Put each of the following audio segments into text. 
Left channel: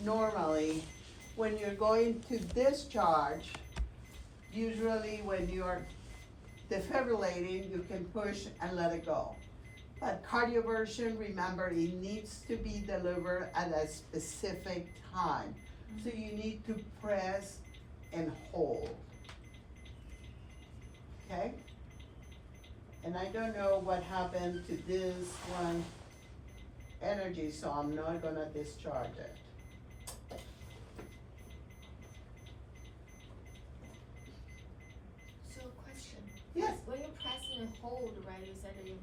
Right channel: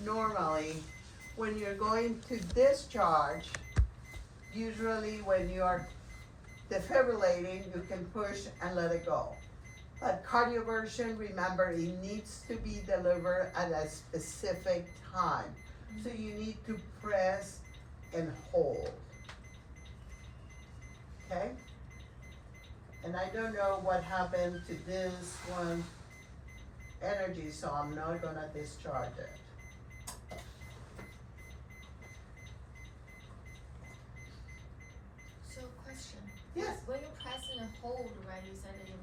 normally, when you're going to discharge, usually when you are defibrillating, you can push and let it go. But cardioversion, remember, it needs to be delivered at a specific time. So you need to press and hold. Okay? And I don't know what happened to this one energy, so I'm not gonna discharge it. So question. Yes. When you press and hold, right, you said that you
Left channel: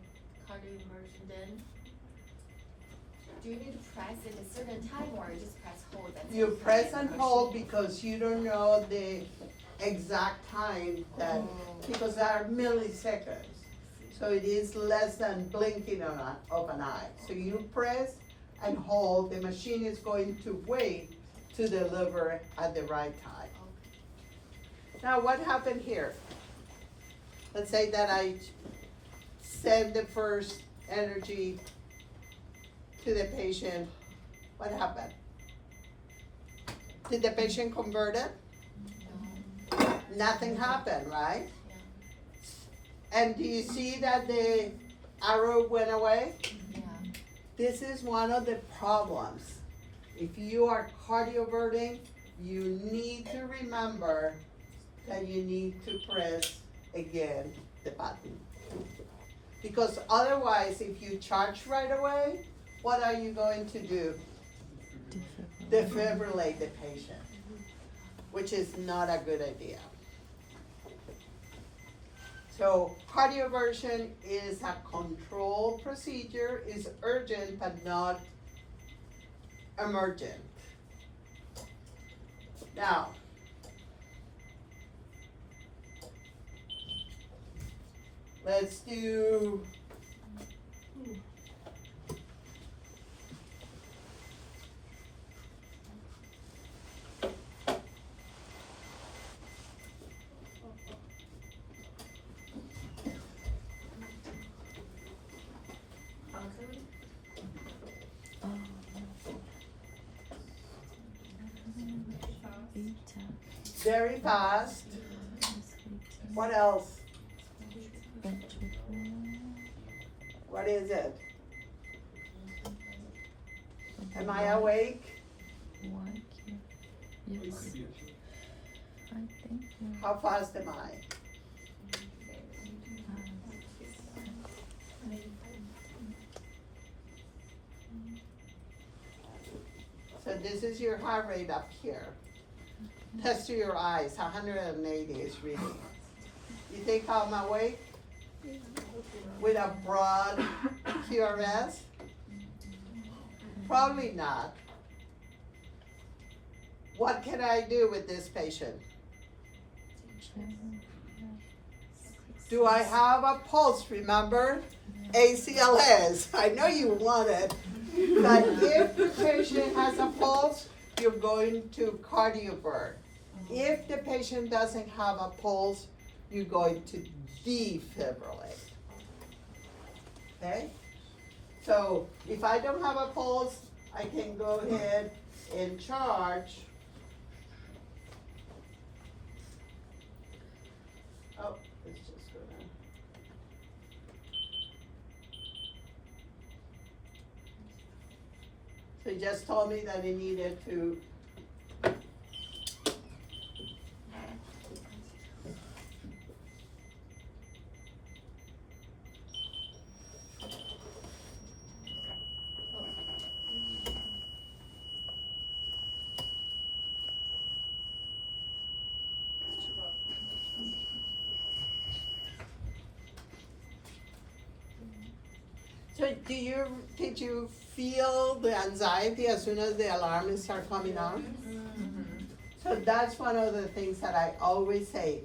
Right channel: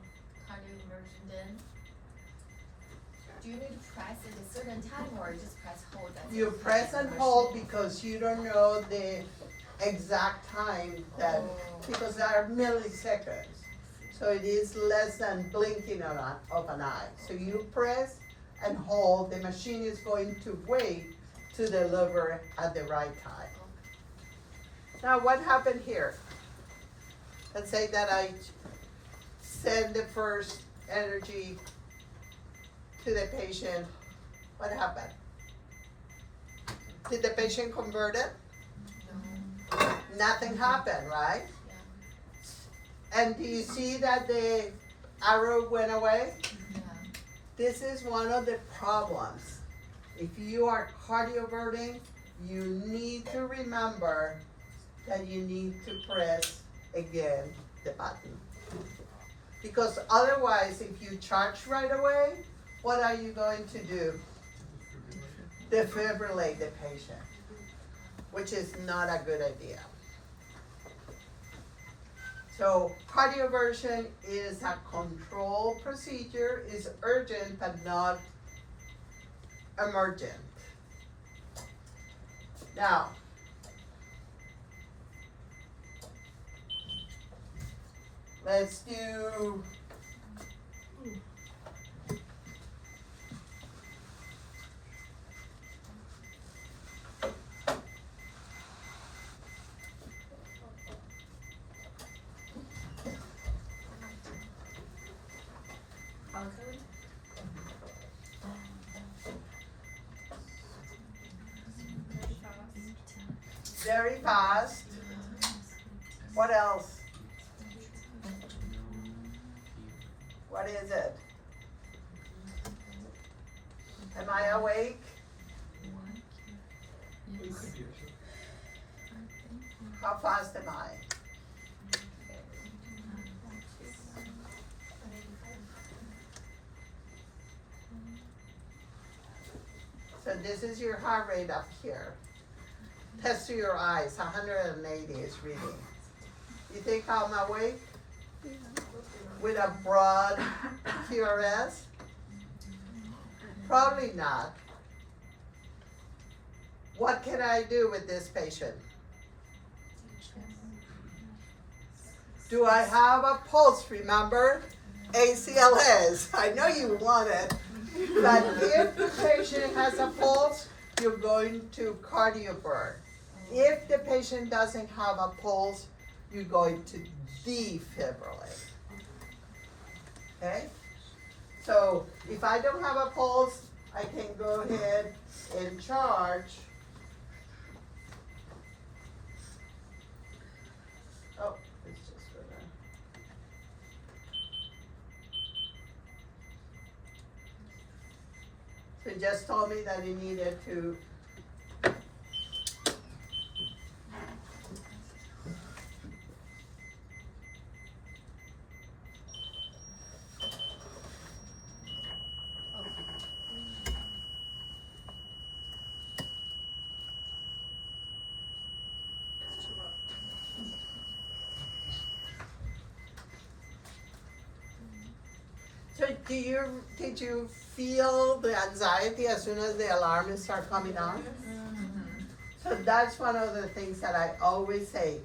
cardioversion, then do you need to press it a certain time or you just press hold? That's You it? press and hold because you don't know the exact time that, because there are milliseconds. So it is less than blinking of an eye. So you press and hold, the machine is going to wait to deliver at the right time. Now what happened here? Let's say that I send the first energy to the patient. What happened? Did the patient convert it? No. Nothing happened, right? Yeah. And do you see that the arrow went away? Yeah. This is one of the problems. If you are cardioverting, you need to remember that you need to press again the button. Because otherwise, if you charge right away, what are you going to do? Defibrillate the patient, which is not a good idea. So cardioversion is a control procedure, is urgent but not emergent. Now, let's do very fast. What else? What is it? Am I awake? How fast am I? So this is your heart rate up here. Test to your eyes, 180 is reading. You think I'm awake? With a broad QRS? Probably not. What can I do with this patient? Do I have a pulse? Remember? ACLS. I know you want it. But if the patient has a pulse, you're going to cardiovert. If the patient doesn't have a pulse, you're going to defibrillate. Okay? So if I don't have a pulse, I can go ahead and charge. Oh, it's just gonna. So it just told me that it needed to. So did you feel the anxiety as soon as the alarm started coming on? Mm-hmm. So that's one of the things that I always say.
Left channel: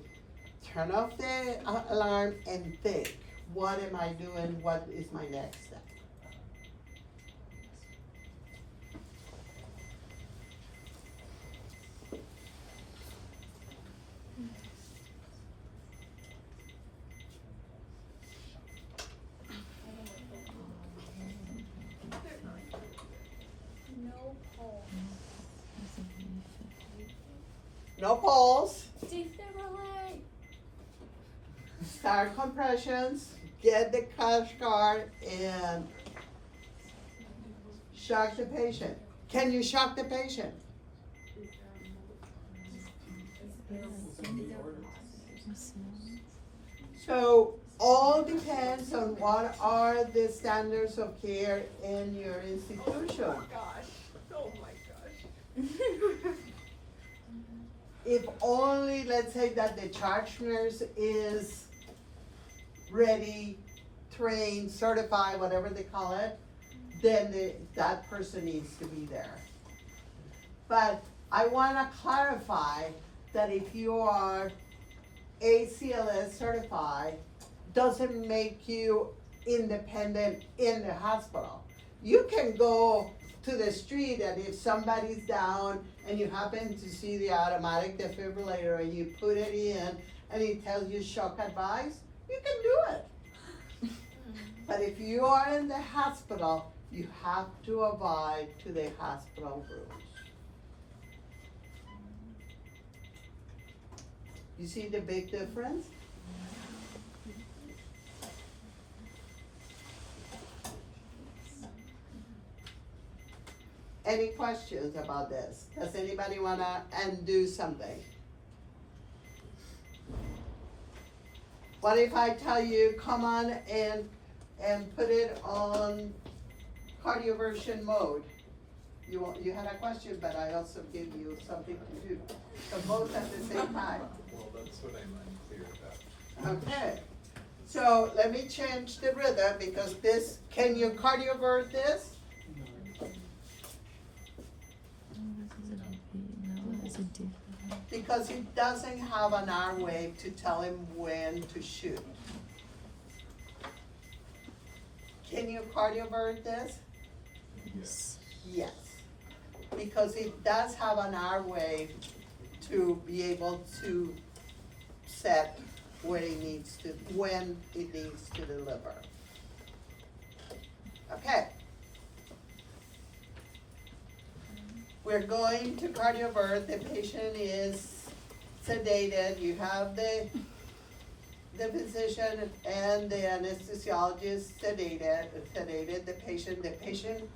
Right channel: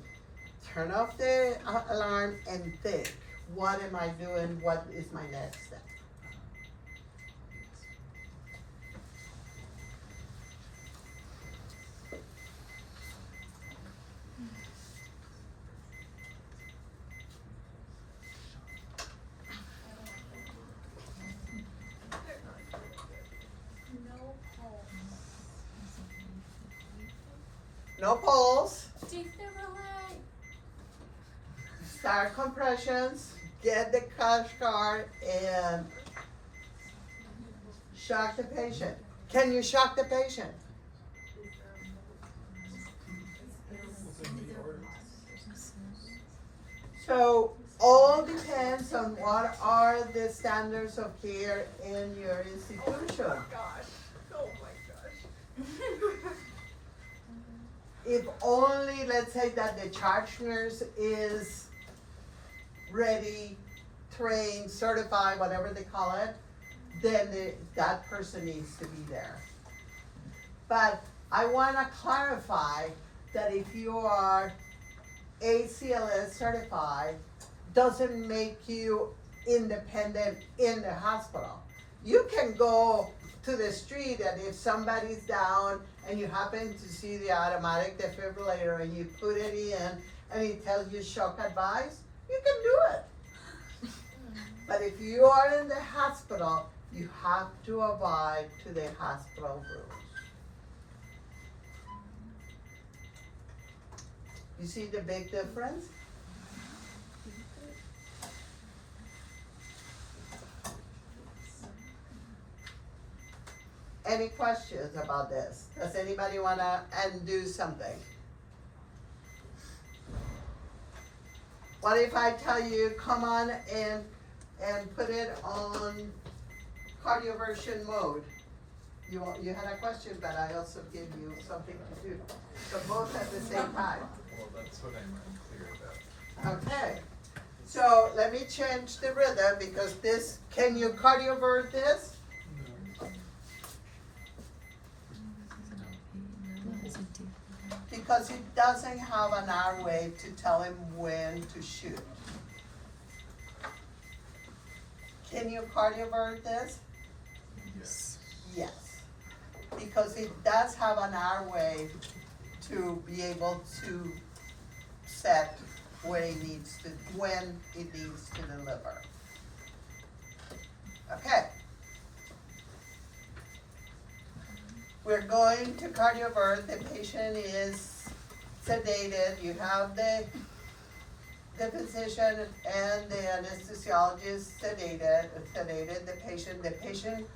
Turn off the alarm and think, what am I doing? What is my next step? No pulse. Defibrillate. Start compressions. Get the cash card and shock the patient. Can you shock the patient? So all depends on what are the standards of care in your institution. Oh my gosh. If only, let's say that the charge nurse is ready, trained, certified, whatever they call it, then that person needs to be there. But I wanna clarify that if you are ACLS certified, doesn't make you independent in the hospital. You can go to the street and if somebody's down and you happen to see the automatic defibrillator and you put it in and it tells you shock advice, you can do it. But if you are in the hospital, you have to abide to the hospital rules. You see the big difference? Any questions about this? Does anybody wanna undo something? What if I tell you, come on and put it on cardioversion mode? You had a question, but I also gave you something to do. So both at the same time. Well, that's what I'm unclear about. Okay. So let me change the rhythm because this, can you cardiovert this? Because it doesn't have an R wave to tell him when to shoot. Can you cardiovert this? Yes. Yes. Because it does have an R wave to be able to set when it needs to deliver. Okay. We're going to cardiovert. The patient is sedated. You have the physician and the anesthesiologist sedated the patient. The patient,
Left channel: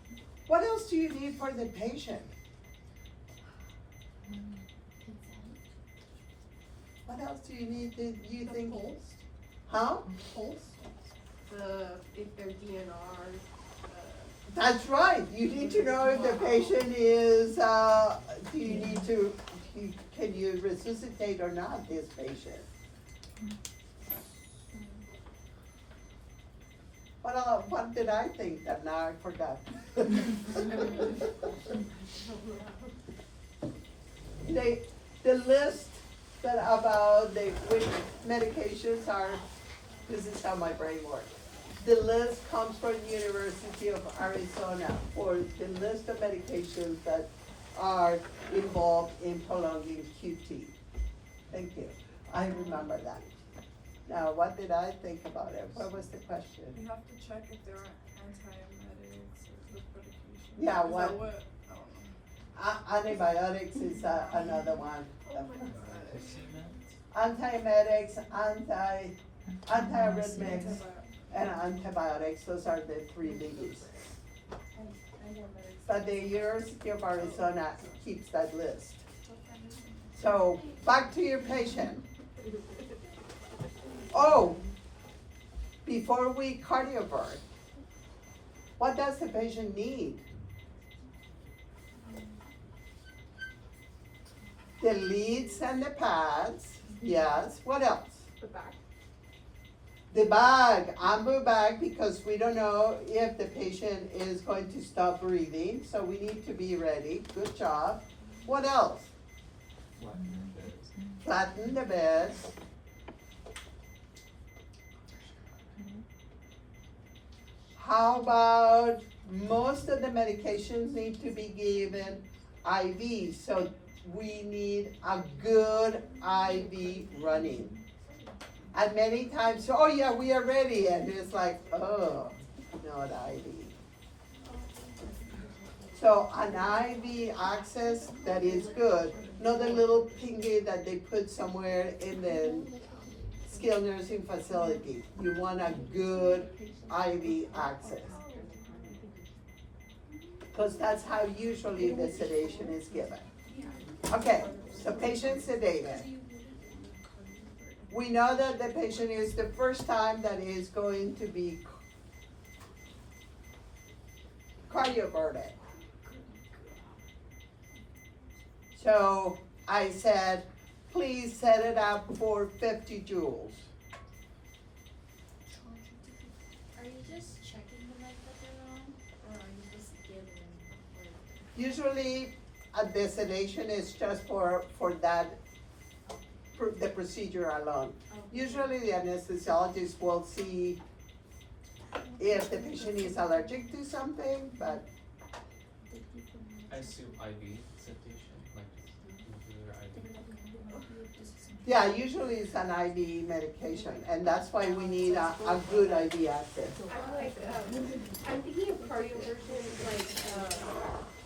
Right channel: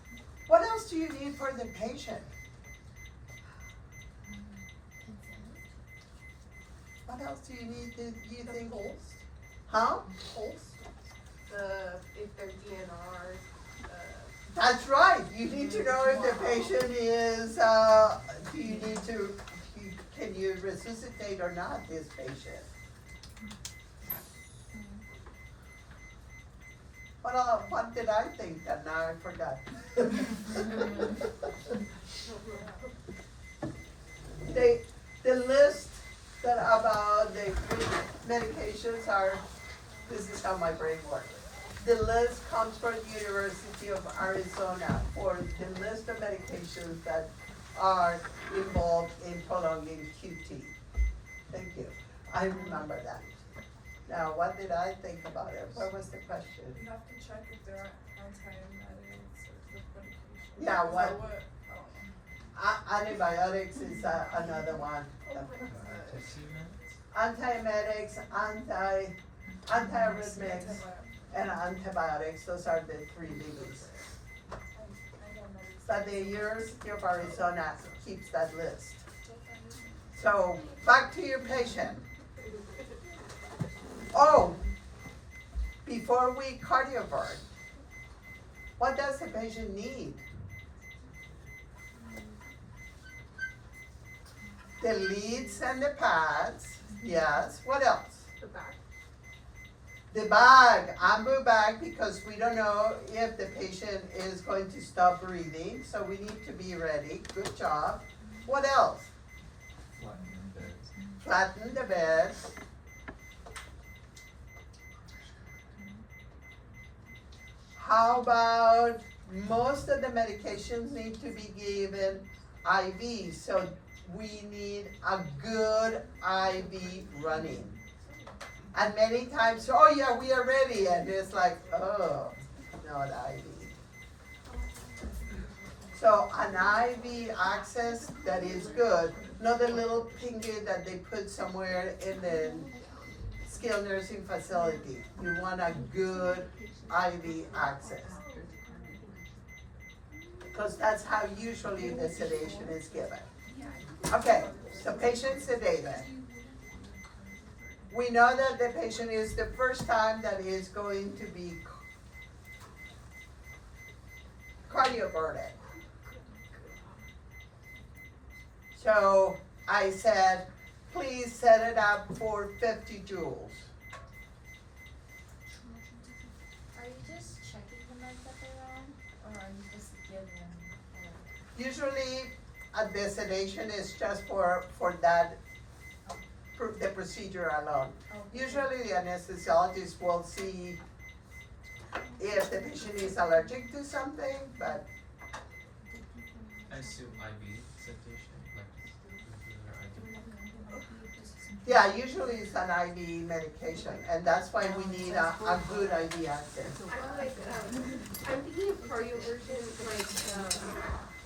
what else do you need for the patient? What else do you need, do you think? Pulse. Huh? Pulse. If they're DNRs. That's right, you need to know if the patient is, can you resuscitate or not this patient? What did I think that now I forgot? The list that about the good medications are, this is how my brain works. The list comes from the University of Arizona for the list of medications that are involved in prolonging QT. Thank you, I remember that. Now, what did I think about it? What was the question? You have to check if there are antiemetics or with medication. Yeah, Is what- that I don't know. Antibiotics is another one. Antiemetics, antiarrhythmics, and antibiotics, those are the three biggies. But the University of Arizona keeps that list. So, back to your patient. Oh, before we cardiovert, what does the patient need? The leads and the pads, yes, what else? The back. The bag, ambu bag, because we don't know if the patient is going to stop breathing, so we need to be ready, good job. What else? Flatten the beds. Flatten the bed. How about, most of the medications need to be given IV, so we need a good IV running. And many times, oh yeah, we are ready, and it's like, oh, not IV. So an IV access that is good, not the little pinky that they put somewhere in the skilled nursing facility. You want a good IV access. Because that's how usually the sedation is given. Okay, so patient sedated. We know that the patient is the first time that is going to be cardioverted. So I said, please set it up for 50 joules. Are you just checking the meds that they're on, or are you just giving them? Usually, the sedation is just for that, the procedure alone. Usually the anesthesiologist will see if the patient is allergic to something, but I assume IV sedation, like regular IV. yeah, usually it's an IV medication, and that's why we need a good IV access. I'm like, I'm thinking of cardioversion,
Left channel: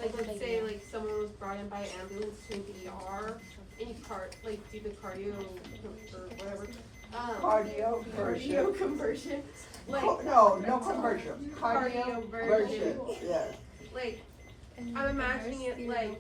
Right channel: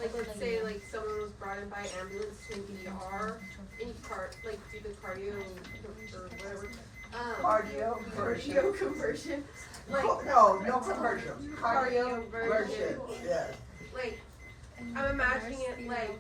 like let's say like someone was brought in by ambulance to ER, and you do the cardio or whatever. Cardio version. Cardio conversion. Like, No conversion, cardio version, yes. like, I'm imagining it like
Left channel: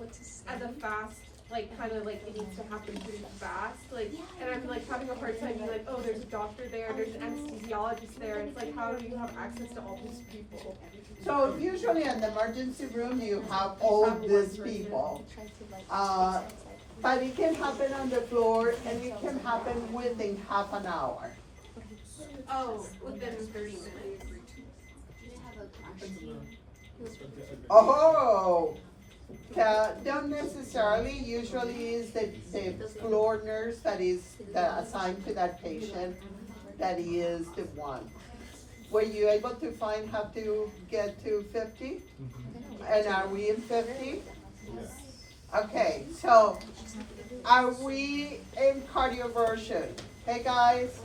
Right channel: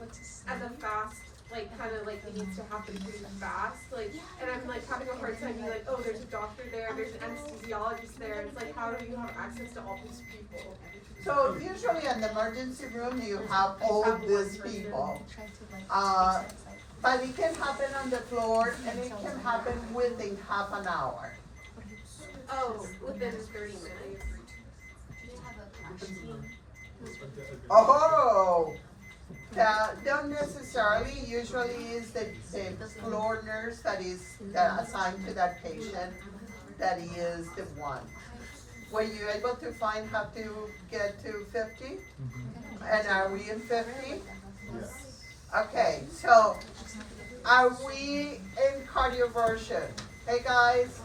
as a fast, like kind of like it needs to happen pretty fast, like, and I'm like having a hard time being like, oh, there's a doctor there, there's an anesthesiologist there, it's like, how do you have access to all these people? So usually in the emergency room, you have all these people. But it can happen on the floor, and it can happen within half an hour. Oh, within 30 minutes. Do you have a crash team? Oh, don't necessarily, usually is the floor nurse that is assigned to that patient, that is the one. Were you able to find how to get to 50? And are we in 50? Yes. Okay, so are we in cardioversion? Hey guys,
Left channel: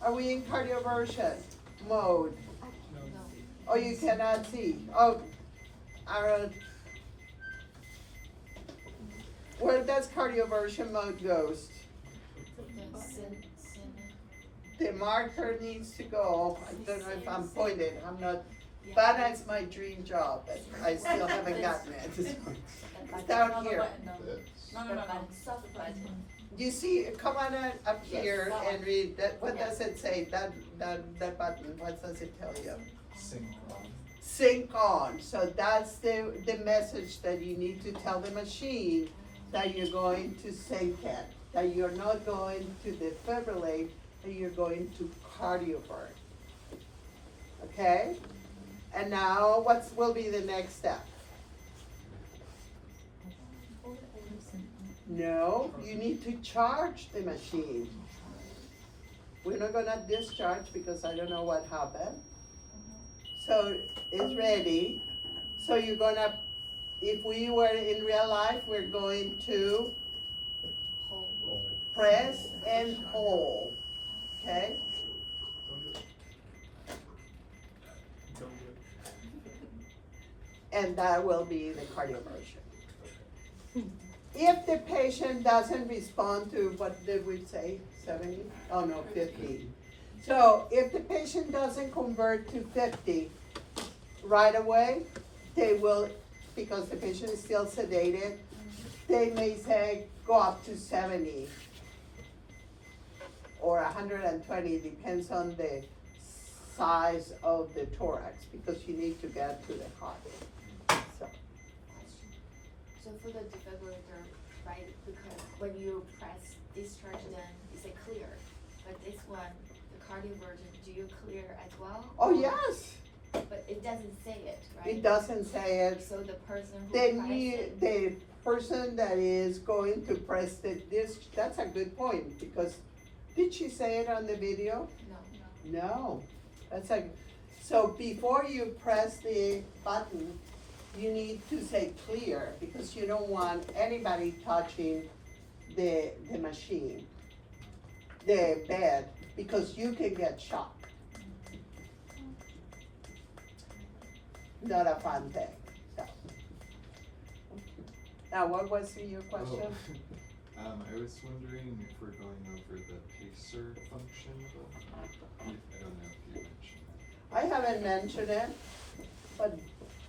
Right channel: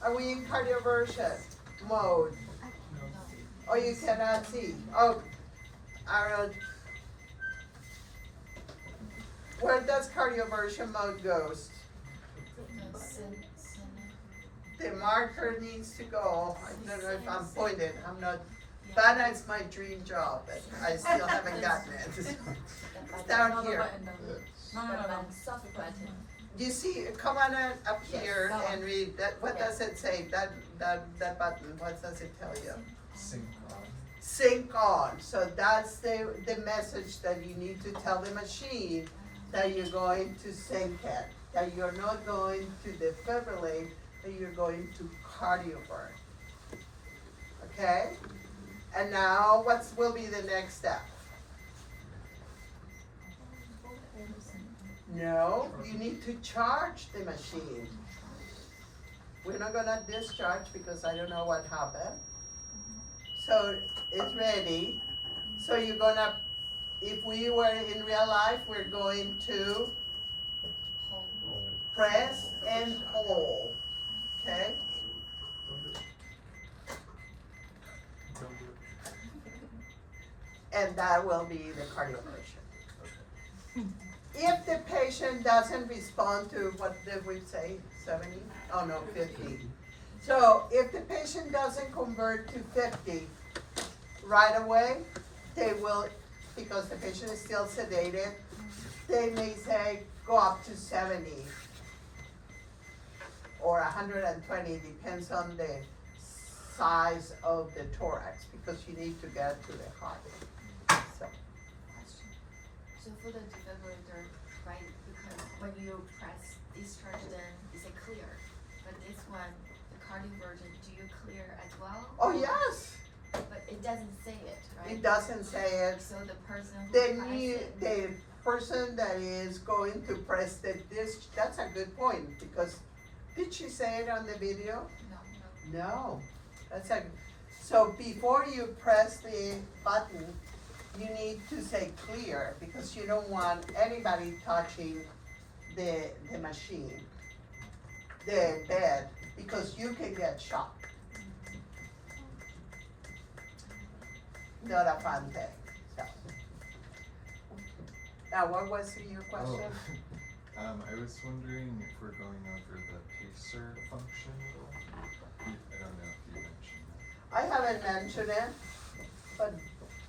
are we in cardioversion mode? Oh, you cannot see. Oh, Aaron. Where does cardioversion mode goes? The marker needs to go. I don't know if I'm pointed. I'm not. That is my dream job, but I still haven't gotten it. It's down here. No. Soft button. You see, come on up here and read that. What does it say? That button. What does it tell you? Sync on. Sync on. So that's the message that you need to tell the machine that you're going to sync it. That you're not going to defibrillate, that you're going to cardiovert. Okay? And now what will be the next step? No, you need to charge the machine. We're not gonna discharge because I don't know what happened. So it's ready. So you're gonna, if we were in real life, we're going to press and hold, okay? And that will be the cardioversion. If the patient doesn't respond to, what did we say, 70? Oh no, 50. So if the patient doesn't convert to 50 right away, they will, because the patient is still sedated, they may say go up to 70 or 120, depends on the size of the thorax, because you need to get to the heart. So for the defibrillator, right, because when you press discharge, then it's a clear. But this one, the cardioversion, do you clear as well? Oh, yes, But it doesn't say it, right? it doesn't say it. So the person who The person that is going to press the disc, that's a good point, because did she say it on the video? No. No, that's a, so before you press the button, you need to say clear, because you don't want anybody touching the machine, the bed, because you can get shocked. Not a fun thing, so. Now, what was your question? I was wondering if we're going over the pacer function. I don't know if you mentioned that. I haven't mentioned it, but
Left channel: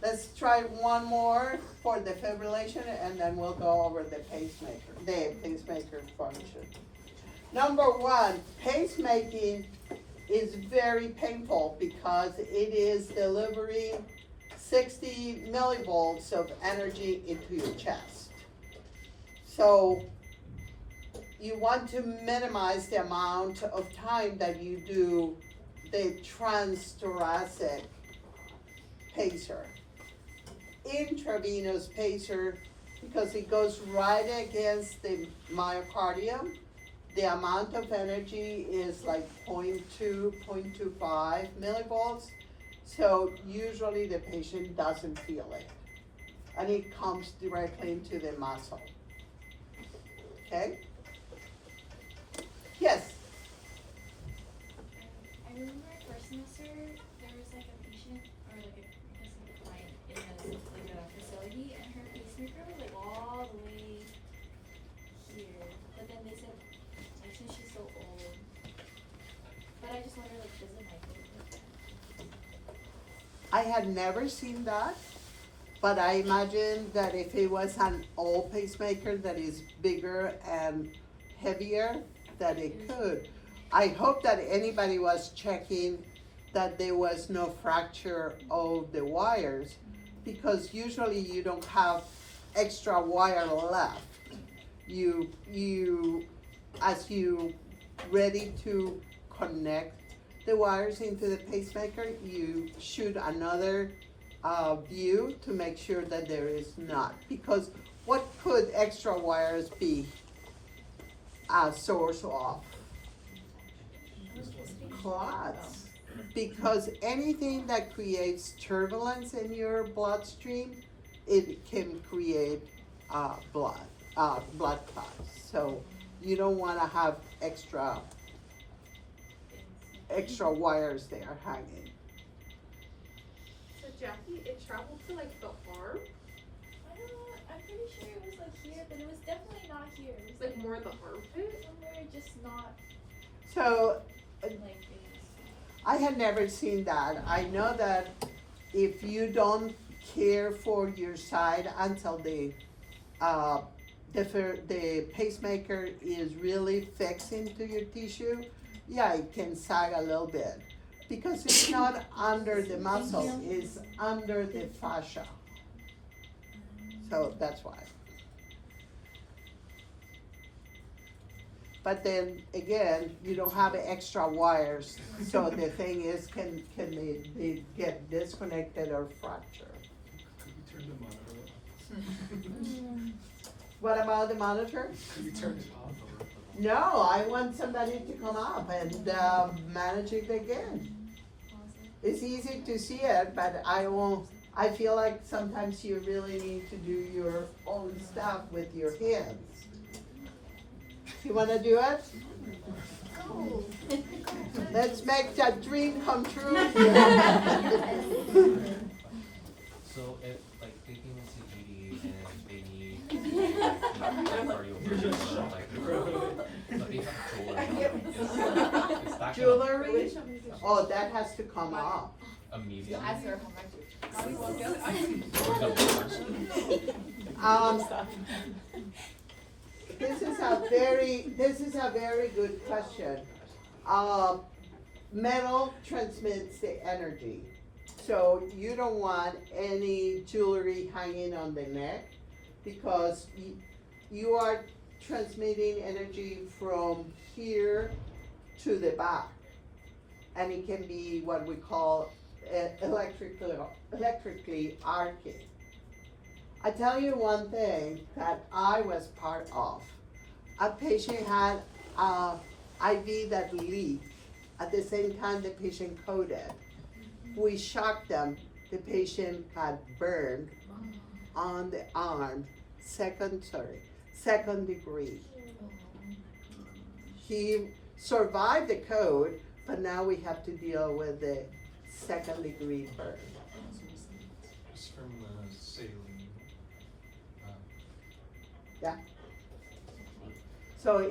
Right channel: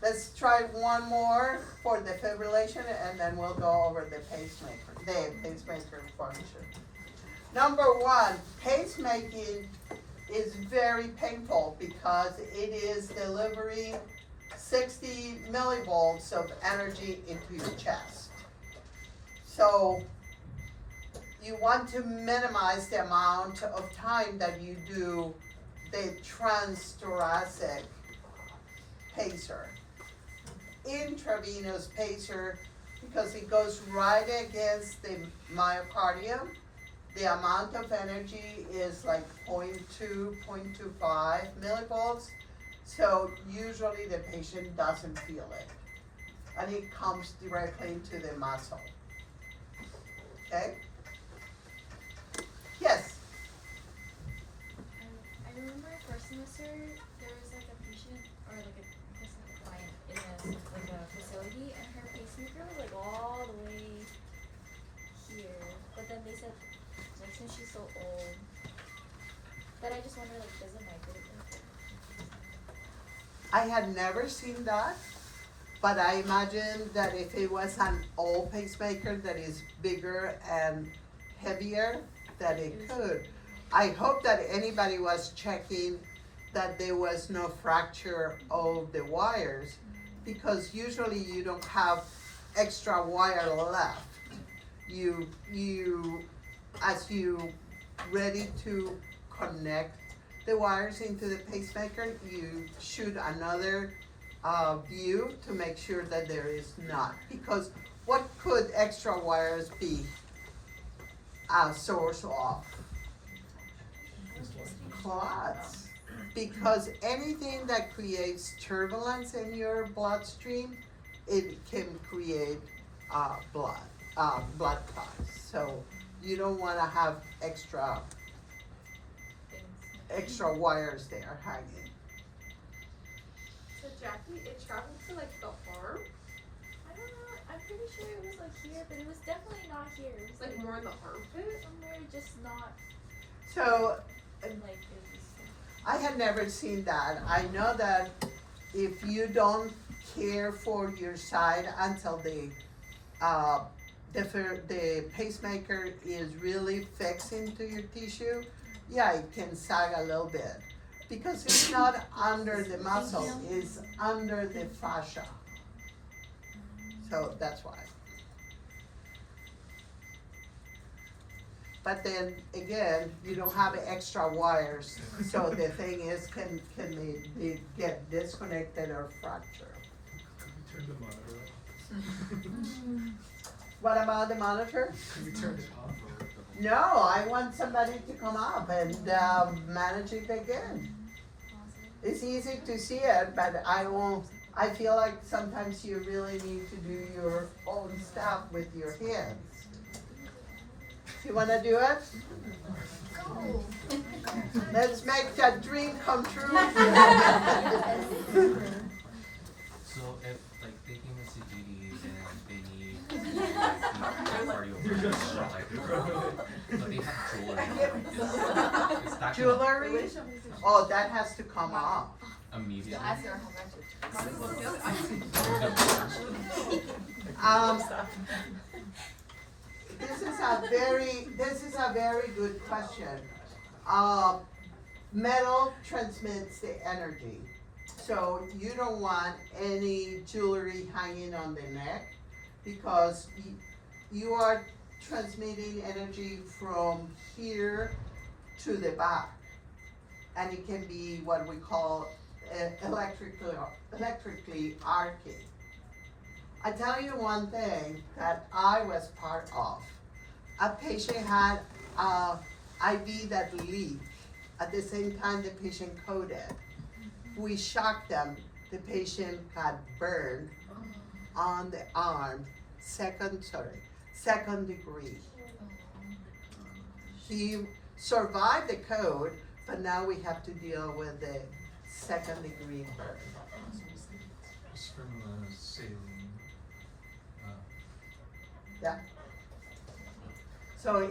let's try one more for defibrillation and then we'll go over the pacemaker function. Number one, pacemaking is very painful because it is delivering 60 millivolts of energy into your chest. So you want to minimize the amount of time that you do the transthoracic pacer. Intravenous pacer, because it goes right against the myocardium, the amount of energy is like 0.2, 0.25 millivolts. So usually the patient doesn't feel it. And it comes directly into the muscle. Okay? Yes? I remember first semester, there was like a patient, or like a, I guess like a client in a facility, and her pacemaker was like all the way here. But then they said, like since she's so old, but I just wonder like, does it migrate like that? I had never seen that, but I imagine that if it was an old pacemaker that is bigger and heavier, that it could. I hope that anybody was checking that there was no fracture of the wires, because usually you don't have extra wire left. As you ready to connect the wires into the pacemaker, you shoot another view to make sure that there is not. Because what could extra wires be a source of? Clots. Because anything that creates turbulence in your bloodstream, it can create blood clots. So you don't want to have extra wires there hanging. So Jackie, it traveled to like the arm, I don't know, I'm pretty sure it was like here, but it was definitely not here. It was like more in the armpit. somewhere just not So like it was. I had never seen that. I know that if you don't care for your side until the pacemaker is really fixed into your tissue, yeah, it can sag a little bit. Because it's not under the muscle, it's under the fascia. So that's why. But then again, you don't have extra wires, so the thing is, can they get disconnected or fractured? Could we turn the monitor off? What about the monitor? Could we turn it off? No, I want somebody to come up and manage it again. It's easy to see it, but I feel like sometimes you really need to do your own stuff with your hands. You wanna do it? No. Let's make that dream come true. So if like taking a CGD and they need cardio, but they have jewelry. Is that Jewelry? Oh, that has to come off. immediately? Ask her how much. This is a very good question. Metal transmits the energy. So you don't want any jewelry hanging on the neck, because you are transmitting energy from here to the back. And it can be what we call electrically arcing. I tell you one thing that I was part of. A patient had a IV that leaked. At the same time, the patient coded. We shocked them. The patient got burned on the arm, second degree. He survived the code, but now we have to deal with the second degree burn. It's from saline. Yeah. So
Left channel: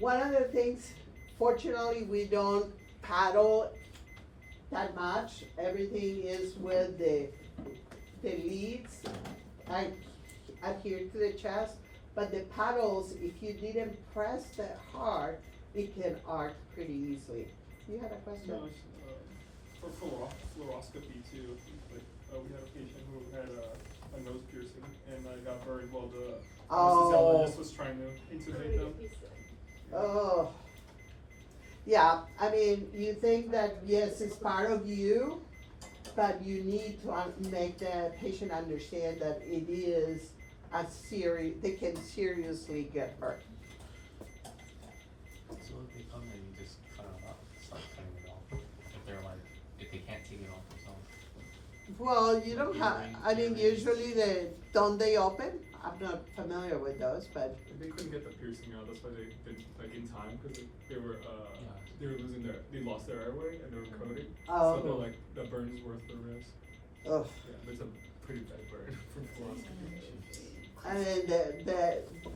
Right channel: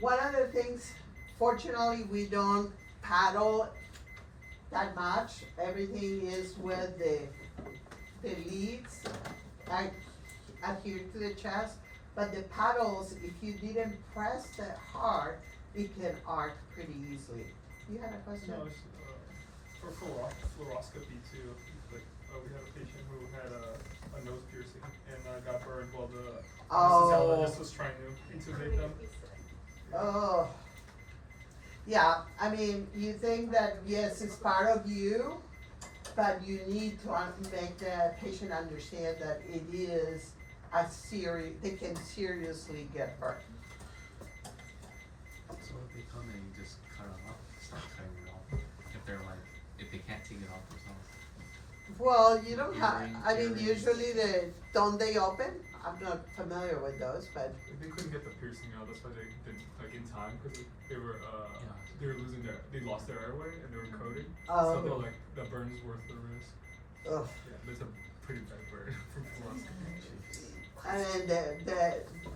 one of the things, fortunately, we don't paddle that much. Everything is with the leads, like adhere to the chest. But the paddles, if you didn't press that hard, it can arc pretty easily. You had a question? No, it's, for fluoroscopy too. Like, we had a patient who had a nose piercing and got burned while the anesthesiologist was trying to intubate them. Oh. Yeah, I mean, you think that, yes, it's part of you, but you need to make the patient understand that it is they can seriously get hurt. So if they come and you just cut it off, start cutting it off, if they can't take it off themselves. Well, you don't have, I mean, usually don't they open? I'm not familiar with those, but. They couldn't get the piercing out, that's why they did, like, in time, cause they were they lost their airway and they were coding. Oh. So they're like, the burn is worth the risk. Ugh. Yeah, that's a pretty bad burn from fluoroscopy. I mean,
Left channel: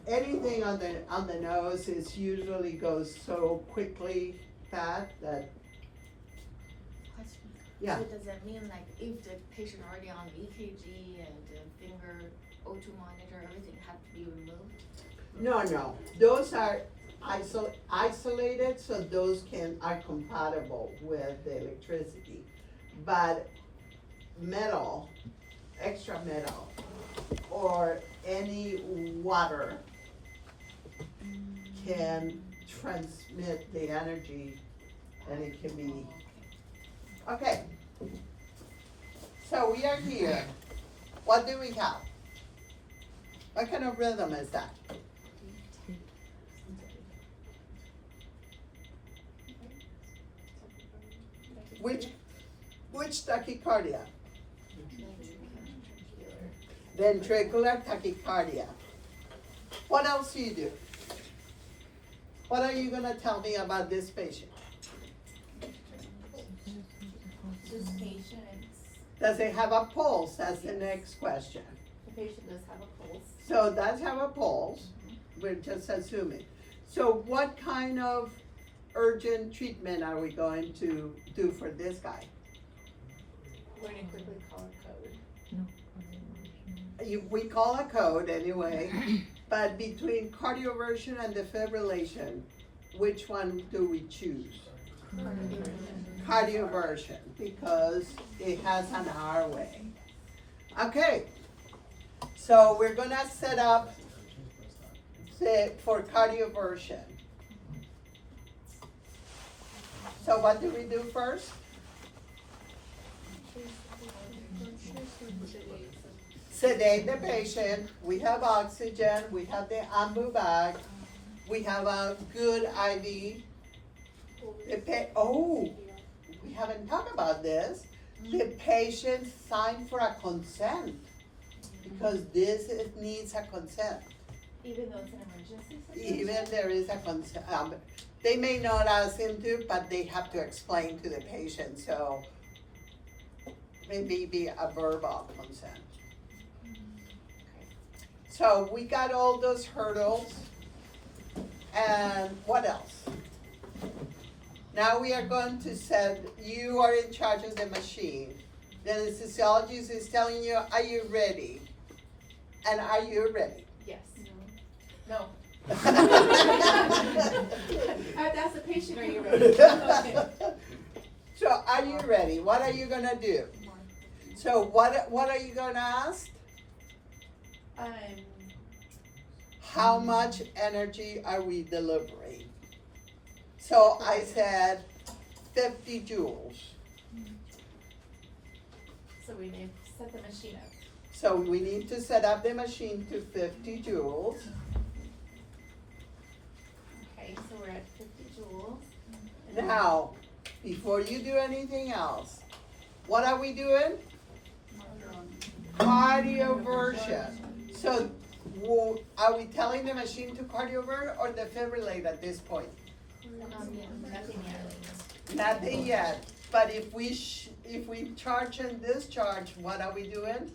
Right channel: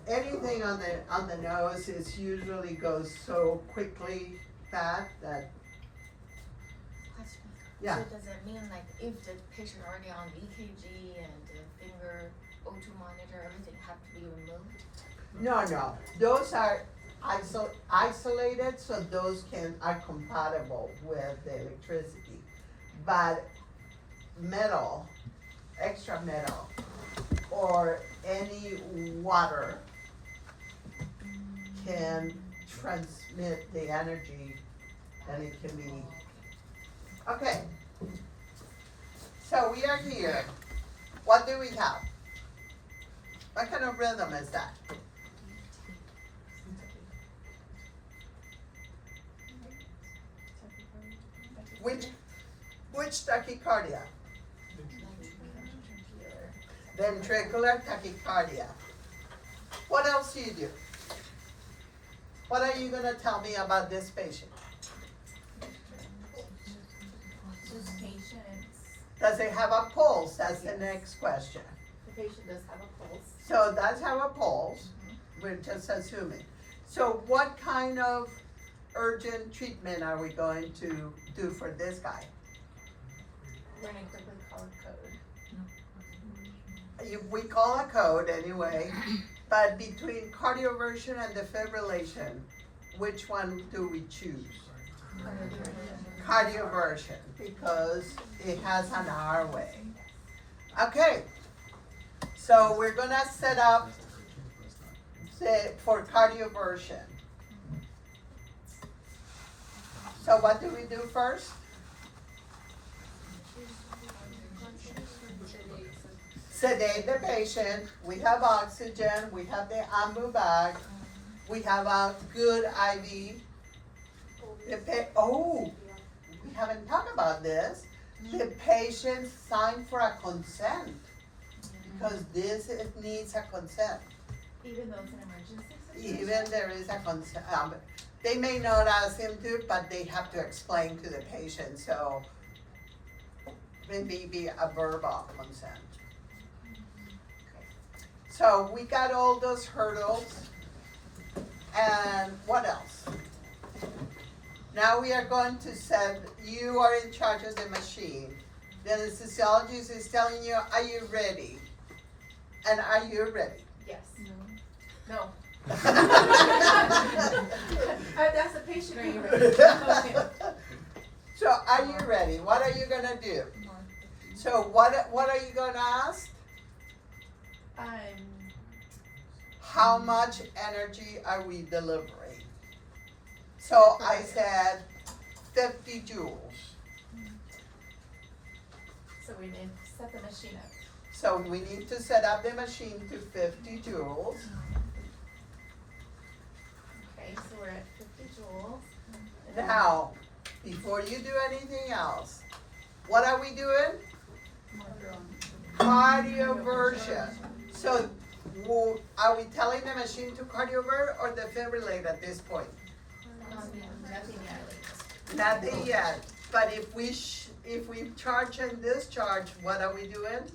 anything on the nose is usually goes so quickly bad that, Question. yeah. So does that mean like if the patient already on EKG and the finger O2 monitor, everything have to be removed? No, those are isolated, so those are compatible with the electricity. But metal, extra metal, or any water can transmit the energy, and it can be, okay. So we are here. What do we have? What kind of rhythm is that? Which tachycardia? Ventricular tachycardia. What else do you do? What are you gonna tell me about this patient? This patient, Does it have a pulse? That's the next question. the patient does have a pulse. So it does have a pulse, we're just assuming. So what kind of urgent treatment are we going to do for this guy? We're gonna quickly call a code. We call a code anyway, but between cardioversion and defibrillation, which one do we choose? Cardioversion, because it has an R-way. Okay, so we're gonna set up for cardioversion. So what do we do first? Sedate the patient, we have oxygen, we have the ambu bag, we have a good IV. We haven't talked about this. The patient signed for a consent, because this needs a consent. Even though it's an emergency situation? Even there is a consent, they may not ask him to, but they have to explain to the patient, so maybe a verbal consent. So we got all those hurdles, and what else? Now we are going to set, you are in charge of the machine. The anesthesiologist is telling you, are you ready? And are you ready? Yes. No. That's the patient, are you ready? So are you ready? What are you gonna do? So what are you gonna ask? How much energy are we delivering? So I said 50 joules. So we need to set the machine up. So we need to set up the machine to 50 joules. Okay, so we're at 50 joules. Now, before you do anything else, what are we doing? Cardioversion. So are we telling the machine to cardiovert or defibrillate at this point? Nothing yet. Nothing yet, but if we charge and discharge, what are we doing?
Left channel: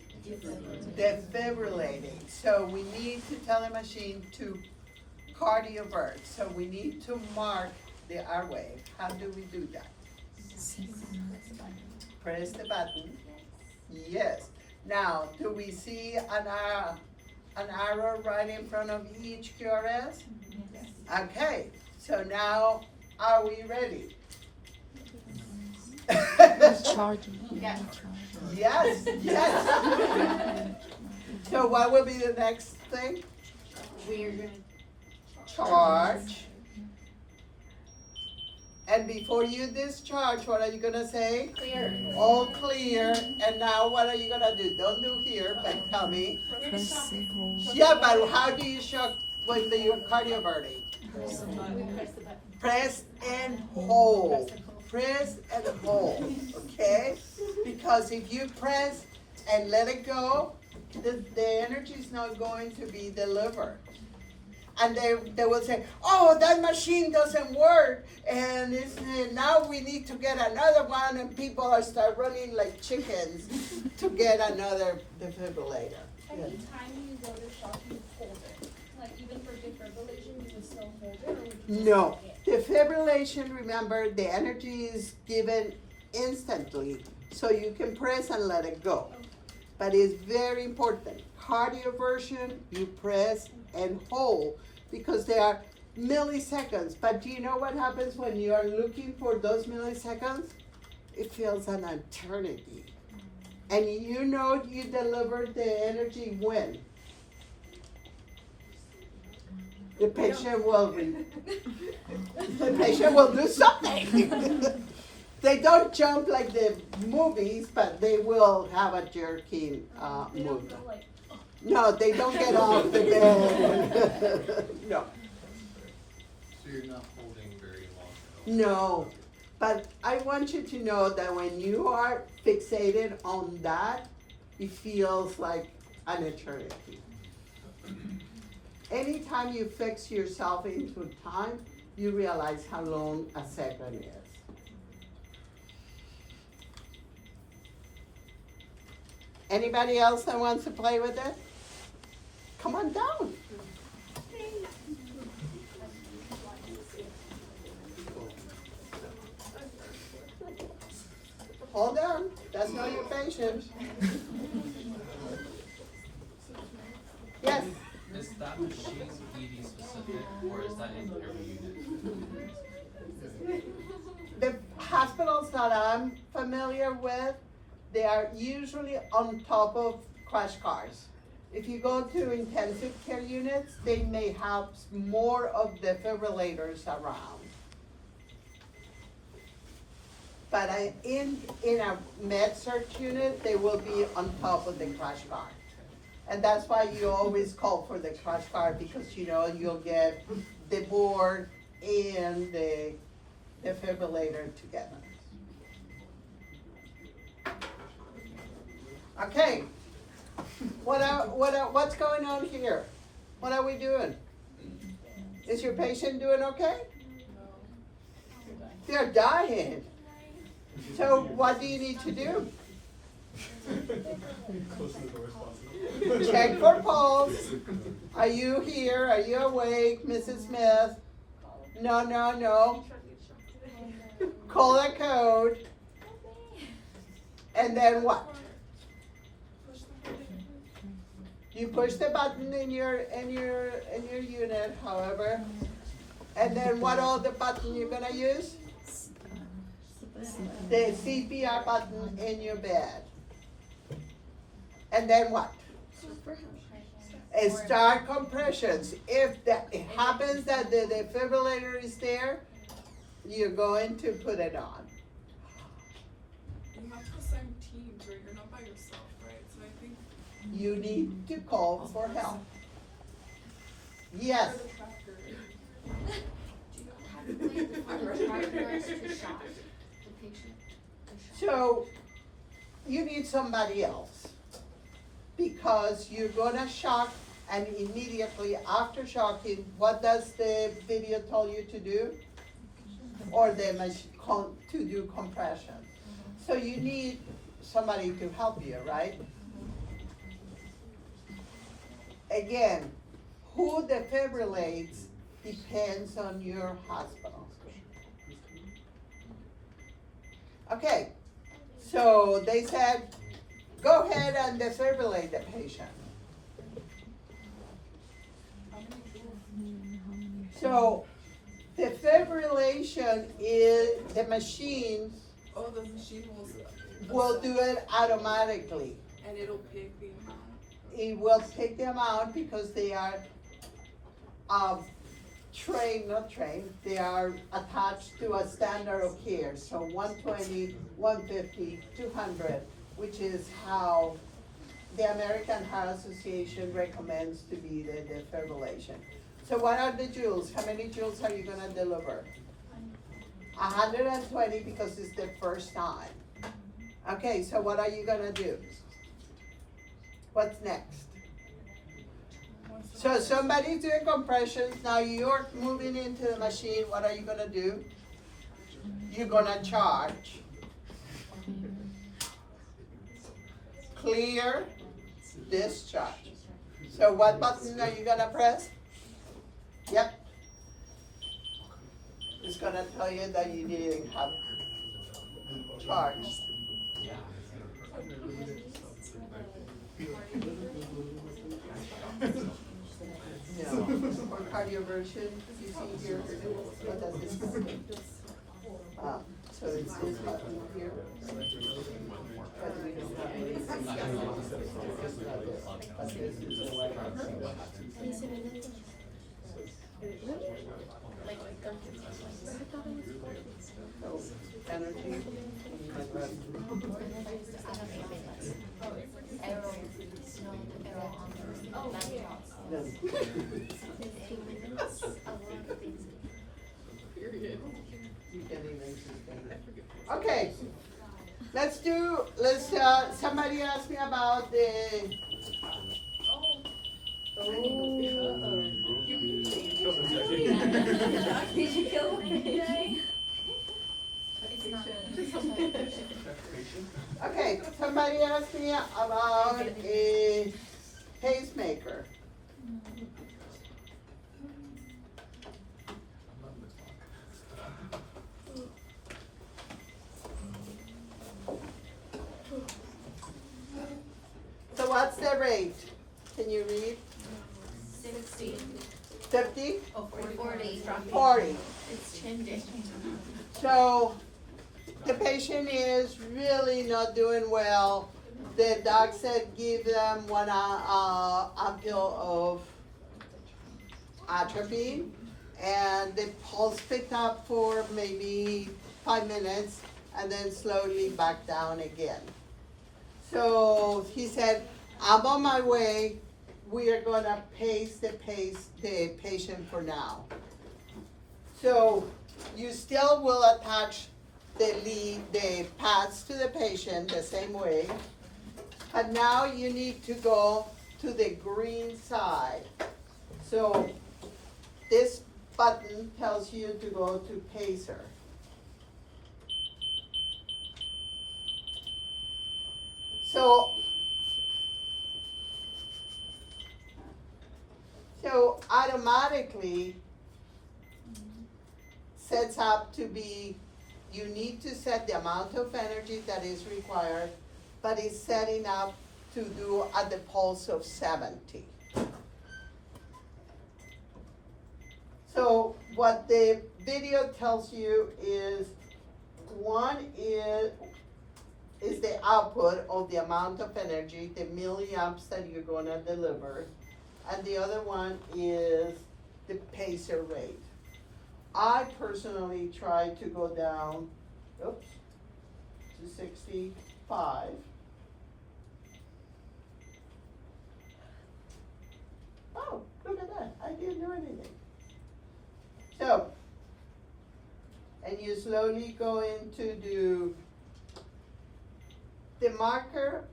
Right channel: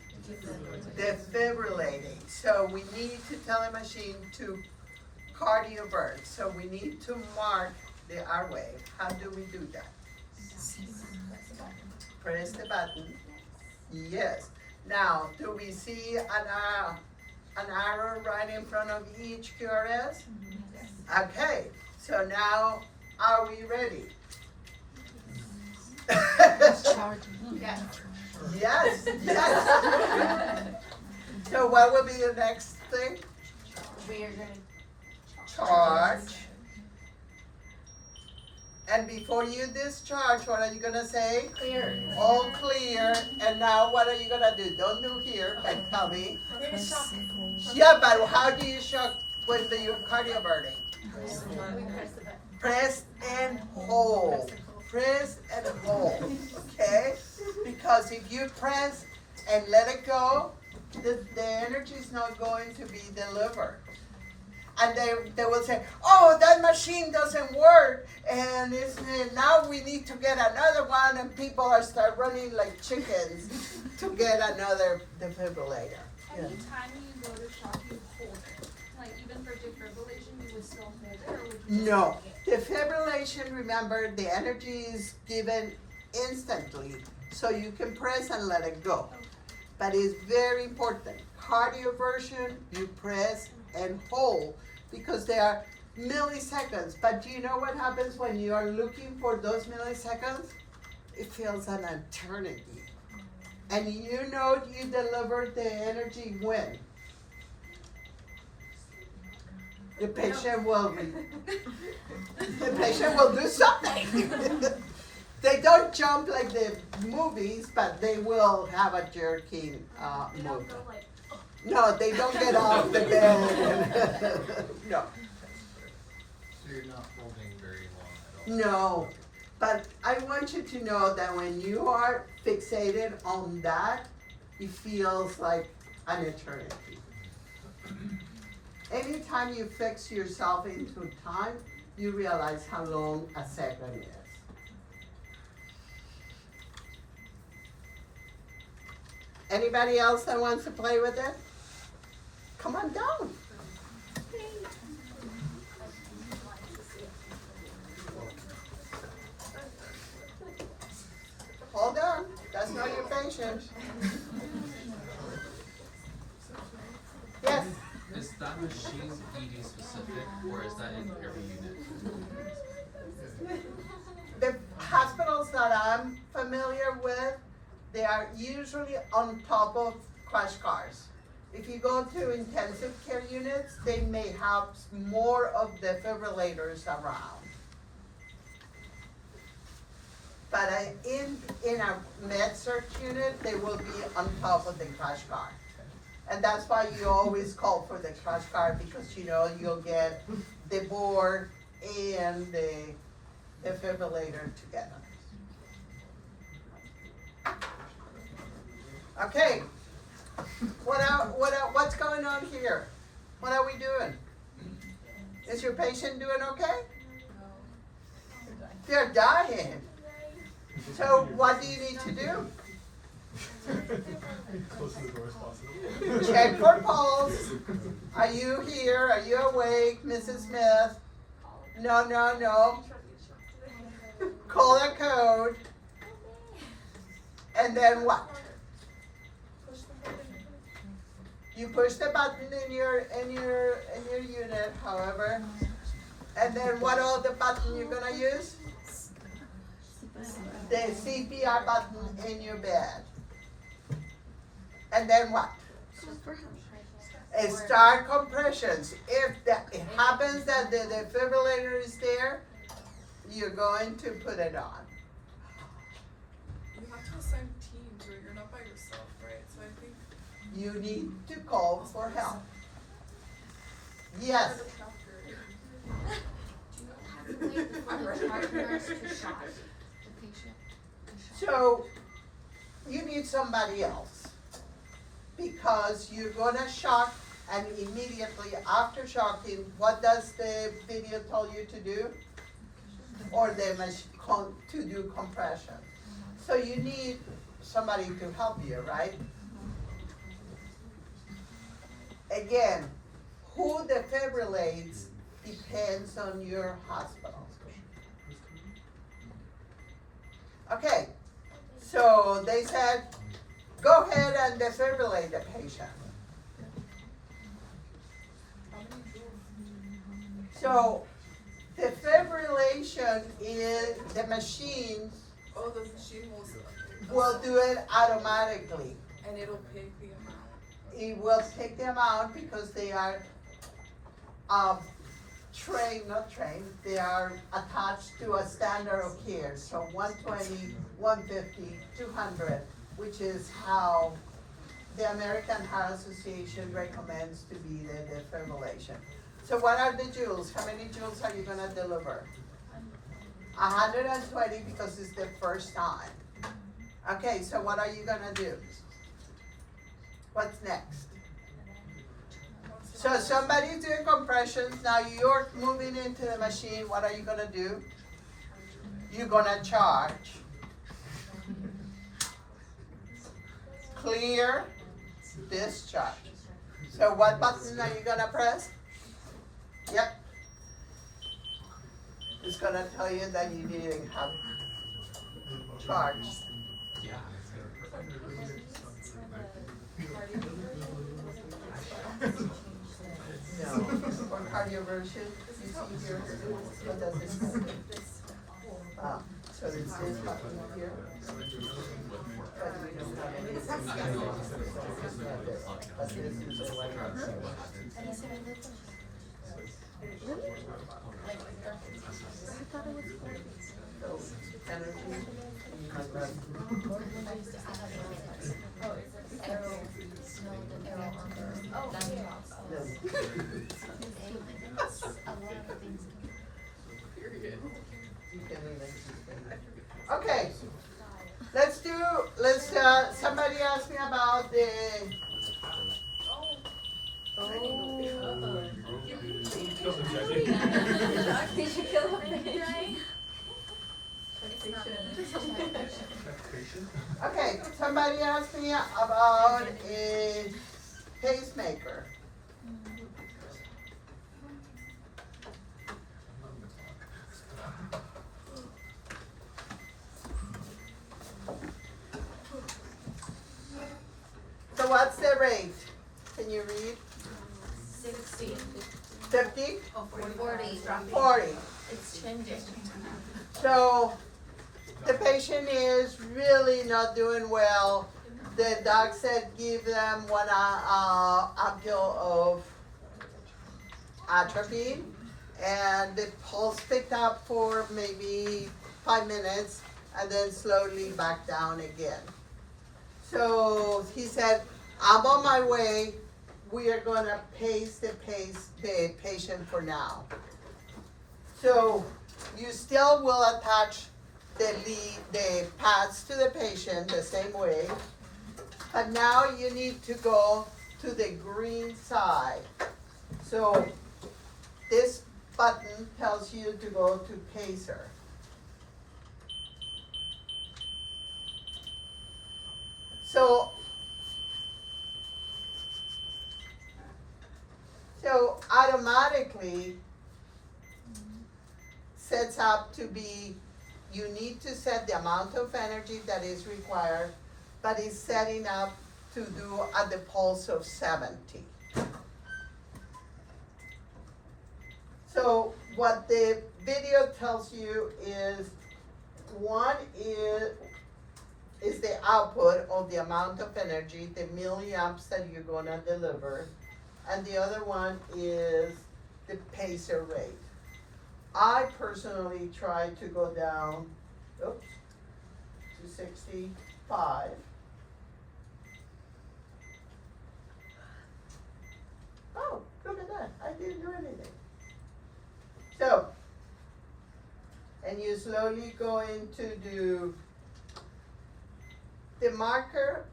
defibrillating. So we need to tell the machine to cardiovert. So we need to mark the R wave. How do we do that? Press the button. Yes. Now, do we see an arrow right in front of each QRS? Okay, so now, are we ready? Yes. Yes, yes. So what will be the next thing? We are gonna Charge. And before you discharge, what are you gonna say? clear. All clear, and now what are you gonna do? Don't do here, but tell me. Yeah, but how do you shock when you're cardioverting? We press the button. Press and hold. Press and hold, okay? Because if you press and let it go, the energy is not going to be delivered. And they will say, oh, that machine doesn't work, and now we need to get another one, and people are start running like chickens to get another defibrillator. Yeah. Anytime you go to shock, you hold it. Like even for defibrillation, you would still hold it, or would you just No, lock it? defibrillation, remember, the energy is given instantly, so you can press and let it go. But it's very important. Cardioversion, you press and hold, because they are milliseconds. But do you know what happens when you are looking for those milliseconds? It feels an eternity. And you know you delivered the energy when? The patient will do something. They don't jump like the movies, but they will have a jerking You don't movement. go like, No, they don't get off the bed. No, So you're not holding very long at all? no. But I want you to know that when you are fixated on that, it feels like an eternity. Anytime you fix yourself into time, you realize how long a second is. Anybody else that wants to play with it? Come on down. Hold on, that's not your patient. Yes, Is that machine ED specific, or is that in every unit? the hospitals that I'm familiar with, they are usually on top of crash cars. If you go to intensive care units, they may have more of defibrillators around. But in a med search unit, they will be on top of the crash car. And that's why you always call for the crash car, because you know you'll get the board and the defibrillator together. Okay, what's going on here? What are we doing? Is your patient doing okay? They're dying. So what do you need to do? Close to the door as possible. Check for pulse. Are you here? Are you awake, Mrs. Smith? No, no, no. Call a code. And then what? You push the button in your unit, however. And then what other button you're gonna use? The CPR button in your bed. And then what? Start compressions. If it happens that the defibrillator is there, you're going to put it on. You have to assign teams or you're not by yourself, right? So I think You need to call for help. Yes. for the chapter. Do you have to wait for the partners to shock the patient? So you need somebody else, because you're gonna shock, and immediately after shocking, what does the video tell you to do? Or to do compression. So you need somebody to help you, right? again, who defibrillates depends on your hospital. Okay, so they said, go ahead and defibrillate the patient. So defibrillation is the machine Oh, the machine will do it automatically. and it'll pick the amount. It will take them out because they are not trained, they are attached to a standard of care. So 120, 150, 200, which is how the American Heart Association recommends to be the defibrillation. So what are the joules? How many joules are you gonna deliver? 120 because it's the first time. Okay, so what are you gonna do? What's next? So somebody's doing compressions, now you're moving into the machine, what are you gonna do? You're gonna charge. Clear, discharge. So what button are you gonna press? Yep. It's gonna tell you that you didn't have charge. No, or cardioversion, you see here, what does it say? So it's this button here. But we don't have any. But this is the one. So, energy. You can even okay, somebody asked me about the. Did you kill him? Okay, somebody asked me about a pacemaker. So what's the rate? Can you read? 60. 50? Oh, 40. 40. It's changing. So the patient is really not doing well. The doc said give them one ampoule of atropine, and the pulse picked up for maybe 5 minutes and then slowly back down again. So he said, I'm on my way. We are gonna pace the patient for now. So you still will attach the pads to the patient the same way. And now you need to go to the green side. So this button tells you to go to pacer. So automatically sets up to be, you need to set the amount of energy that is required, but it's setting up to do at the pulse of 70. So what the video tells you is, one is the output of the amount of energy, the milliamps that you're gonna deliver, and the other one is the pacer rate. I personally try to go down, to 65. Oh, look at that, I didn't do anything. So, and you slowly going to do, the marker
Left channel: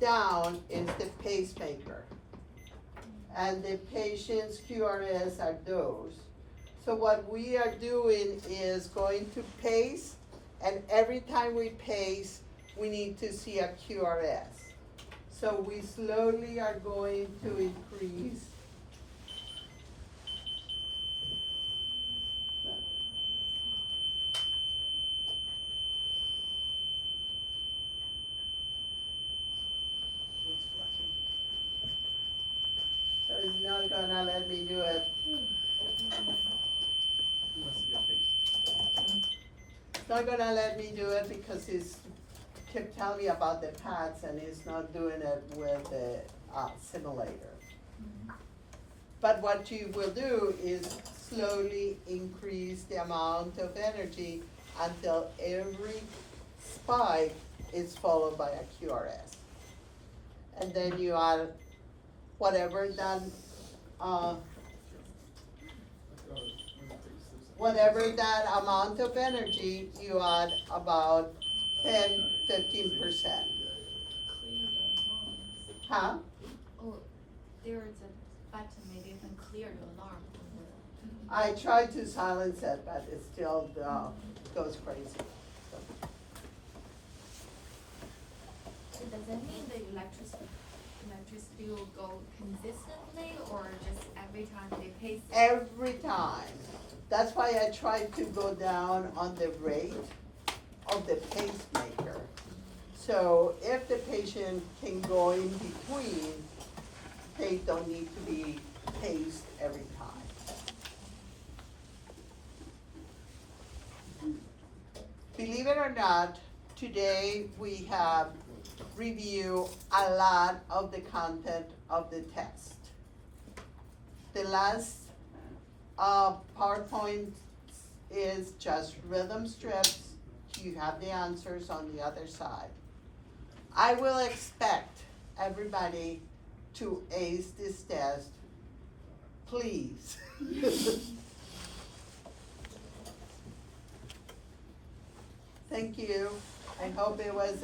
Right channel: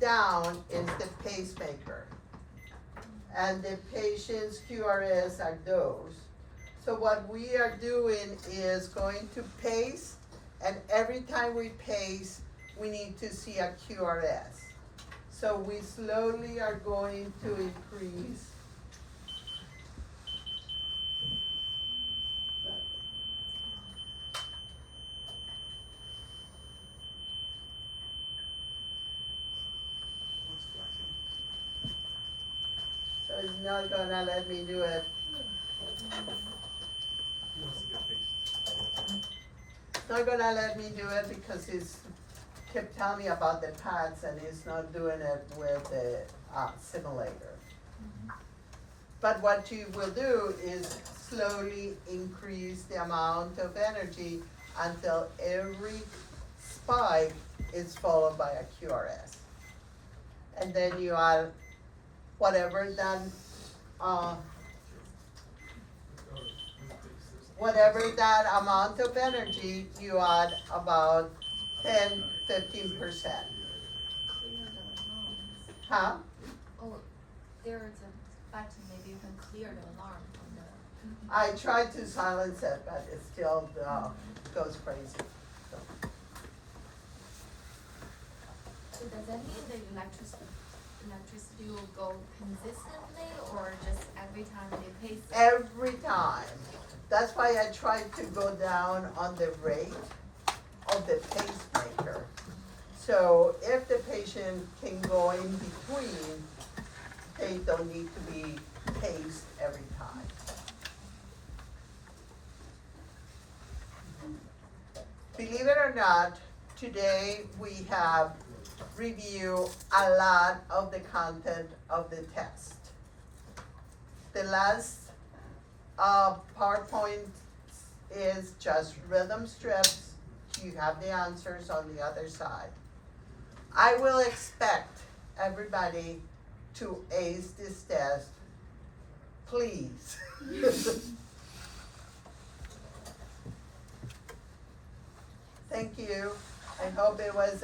down is the pacemaker. And the patient's QRS are those. So what we are doing is going to pace, and every time we pace, we need to see a QRS. So we slowly are going to increase. What's flashing? So it's not gonna let me do it. He wants to get face. It's not gonna let me do it because it's kept telling me about the pads and it's not doing it with the simulator. But what you will do is slowly increase the amount of energy until every spike is followed by a QRS. And then you add whatever that, whatever that amount of energy, you add about 10-15%. Clear the alarms. Huh? Oh, there is a button, maybe you can clear the alarm from the. I tried to silence it, but it still goes crazy. So, So does that mean the electricity will go consistently or just every time they pace it? every time. That's why I tried to go down on the rate of the pacemaker. So if the patient can go in between, they don't need to be paced every time. Believe it or not, today we have reviewed a lot of the content of the test. The last PowerPoint is just rhythm strips. You have the answers on the other side. I will expect everybody to ace this test, please. Thank you. I hope it was